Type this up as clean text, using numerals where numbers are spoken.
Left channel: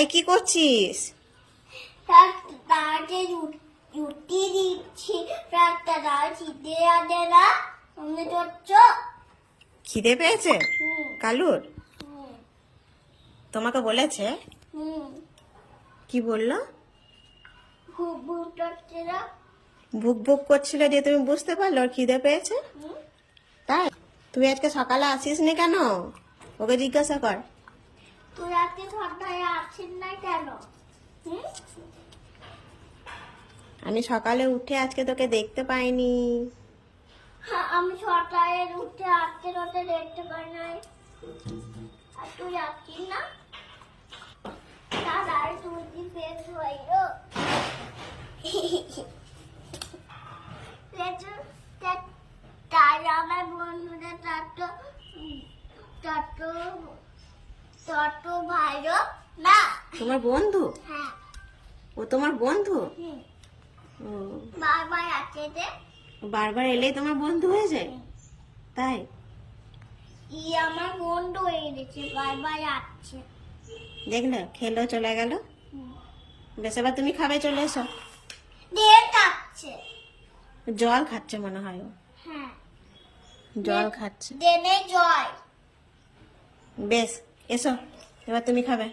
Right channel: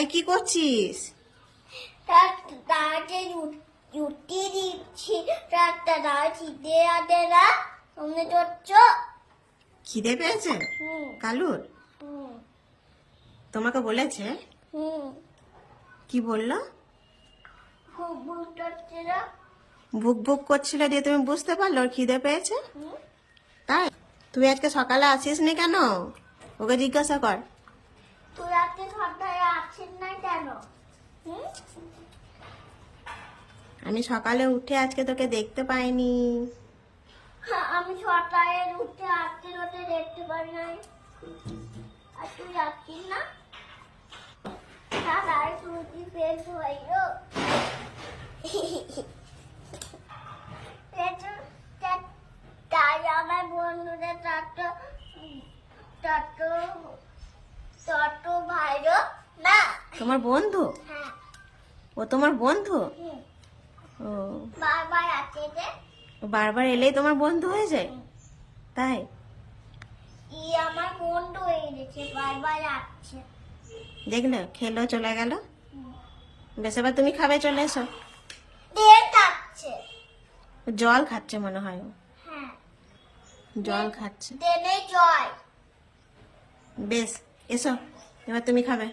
এই কি করছিস? তাকে রুটি দিচ্ছি, একটা দাও খিদে আদে না তুমি চচ্ছ। খিদে পেয়েছে কালুর? তোমাকে বলেছে? কি বললো? খুব ভুল করছে না। ভুক ভুক করছিল দিয়ে তুমি বুঝতে পারলো ওর খিদে পেয়েছে? তাই তুই আজকে সকালে আসিস নি কেন? ওকে জিজ্ঞাসা কর। তুই আজকে সন্ধ্যায় আসছেন না কেন? আমি সকালে উঠে আজকে তোকে দেখতে পাইনি। আমি সকালে উঠে আজকে তোকে দেখতে পাই নাই। আর তুই আসছিস না? তাহলে তুই কি ফেস হইলো? তাই আমার বন্ধুদের তত ভালো না। তোমার বন্ধু? হ্যাঁ। ও তোমার বন্ধু? ও বারবার আছে যে। ও বারবার এলেই তোমার বন্ধু হয়ে যায়? তাই আমার বন্ধু হয়ে গেছে, বারবার আসছে। দেখলে খেলো চলে গেল। বেশ এবার তুমি খাবে, চলে এসো। দেড় খাচ্ছে। জল খাচ্ছে মনে হয় ও। হ্যাঁ, জল খাচ্ছে। দেনে জয়। বেশ এসো এবার তুমি খাবে।